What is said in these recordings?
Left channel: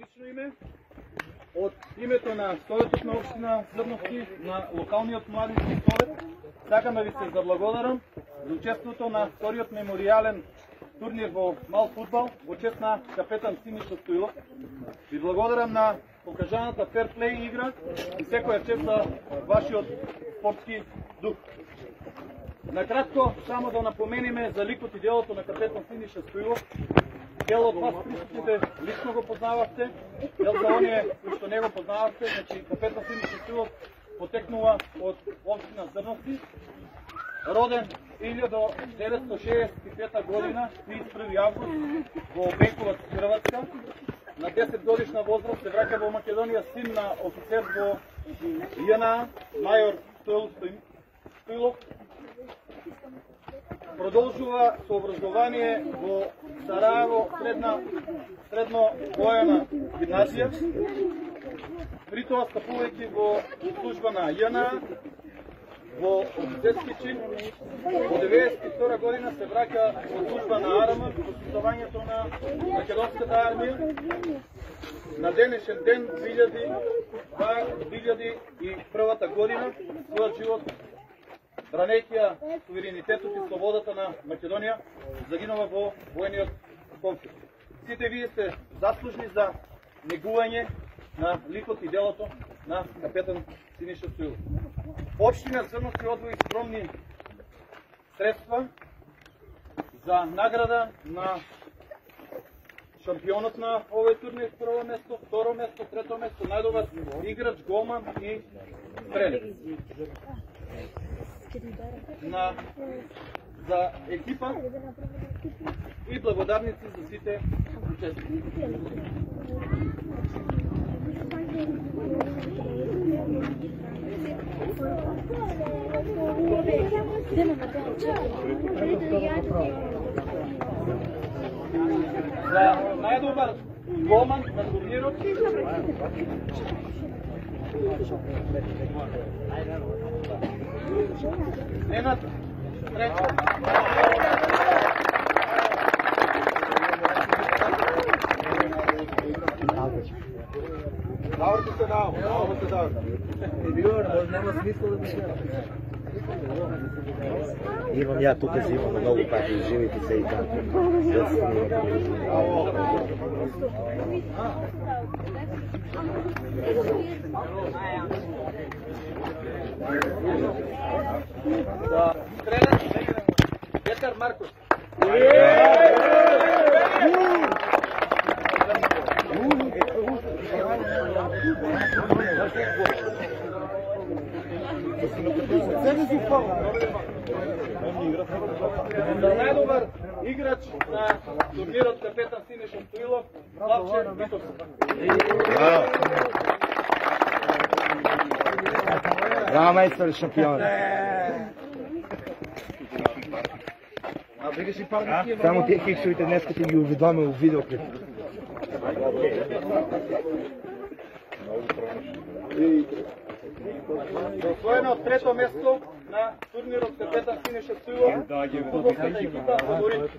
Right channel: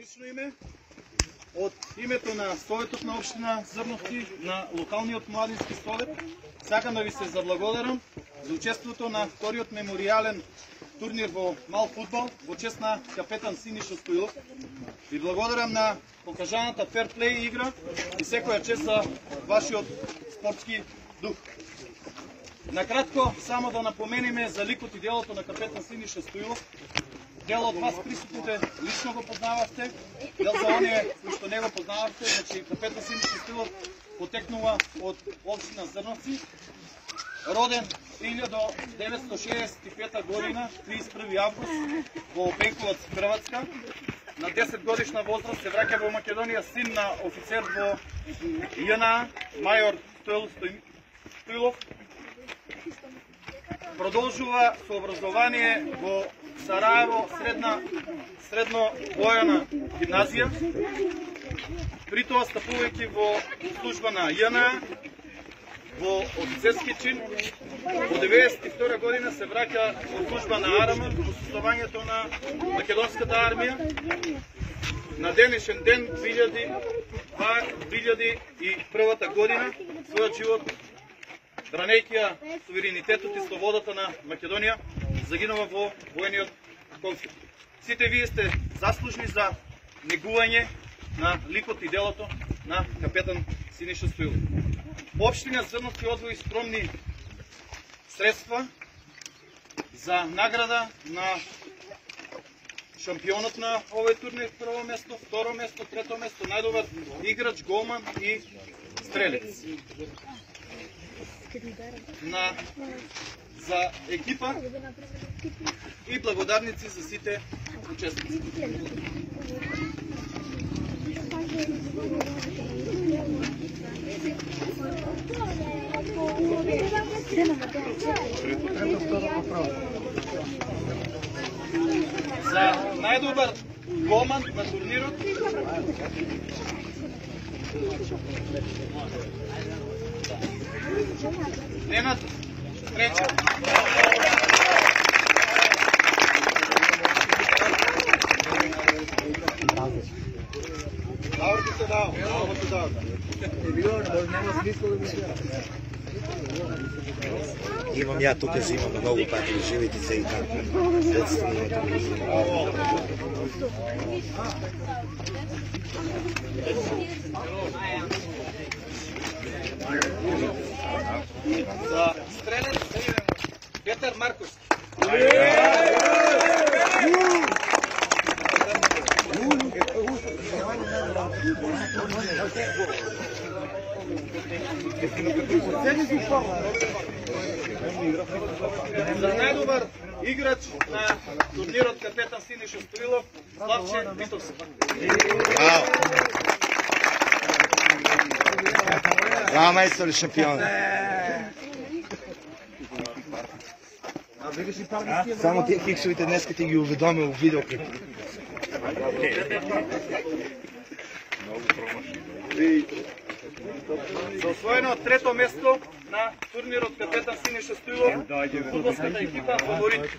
лично име, от името на Советот на Община Зърновци, на локалниот младински совет, сакам да ви се заблагодарам за учеството на вториот мемориален турнир во мал фудбал во чест на капетан Синиша Стоилов. Ви благодарам на покажаната ферплей игра и секоја чест за вашиот спортски дух. Накратко, само да напомениме за ликот и делото на капетан Синиша Стоилов. Дел од вас присутните лично го познававте, дел за оние кои што не го познававте, значи капетан Синиша Стоилов потекнува од општина Зрновци, роден 1965 година, 31 август, во Бенковац, Хрватска. На 10 годишна возраст се враќа во Македонија, син на офицер во ЈНА, мајор Стоилов. Продолжува со образование во Сараево, средно војна гимназија. При тоа стапувајќи во служба на ЈНА, во офицерски чин. Во 1992 година се враќа во служба на АРМ во создавањето на Македонската армија. На денешен ден, 2001 година, својот живот, бранејќи суверенитетот и слободата на Македонија, загинува во војниот конфликт. Сите вие сте заслужни за негување на ликот и делото на капетан Синиша Стоилов. Општина Зрновци одвои скромни средства за награда на шампионот на овој турнир, прво место, второ место, трето место, најдобар играч, голман и стрелец. За екипа и благодарници за сите учесници. За најдобар голман на турнирот Ненад Тренчев. Имам ја тука зимам многу пати, живите се и така. За стрелец Петар Марковски. За најдобар играч на турнирот капетан Синиша Стоилов, Славче Витовски. Браво, мајстор шампион. Само тие хиксовите днеска ти ги уведомил у видеоклип. За освоено трето место на турнирот капетан Синиша Стоилов, фудбалската екипа фаворит.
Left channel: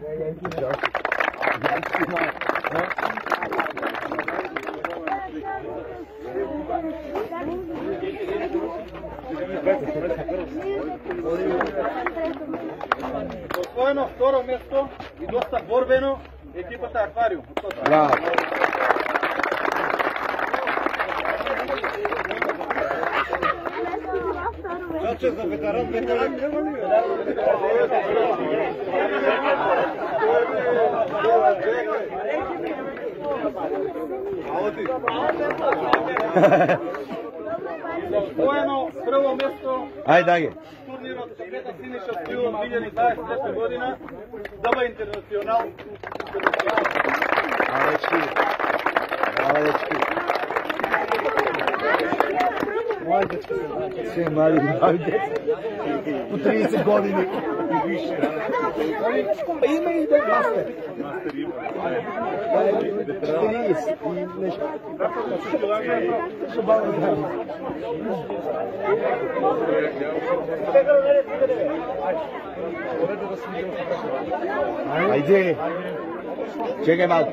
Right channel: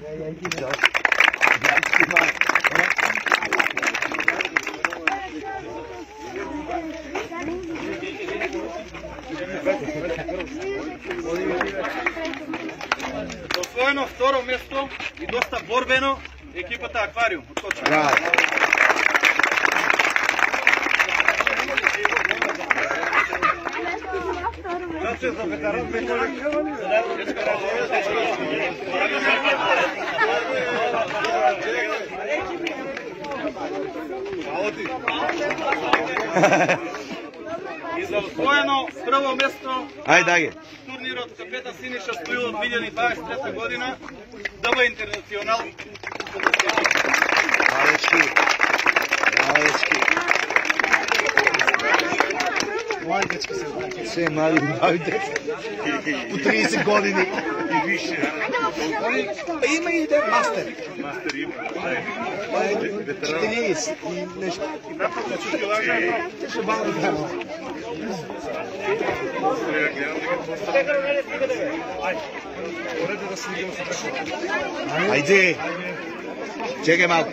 За освоено второ место и доста борбено екипата Аквариум од Коча. И за освоено прво место на турнирот капетан Синиша Стоилов 2023 година ДБ Интернационал. Мои дечка се враќаат, се млади деца. По 30 години и више. Има и да мастер. 40 и нешто. Ще бъде да. Ајде. Чекај малку.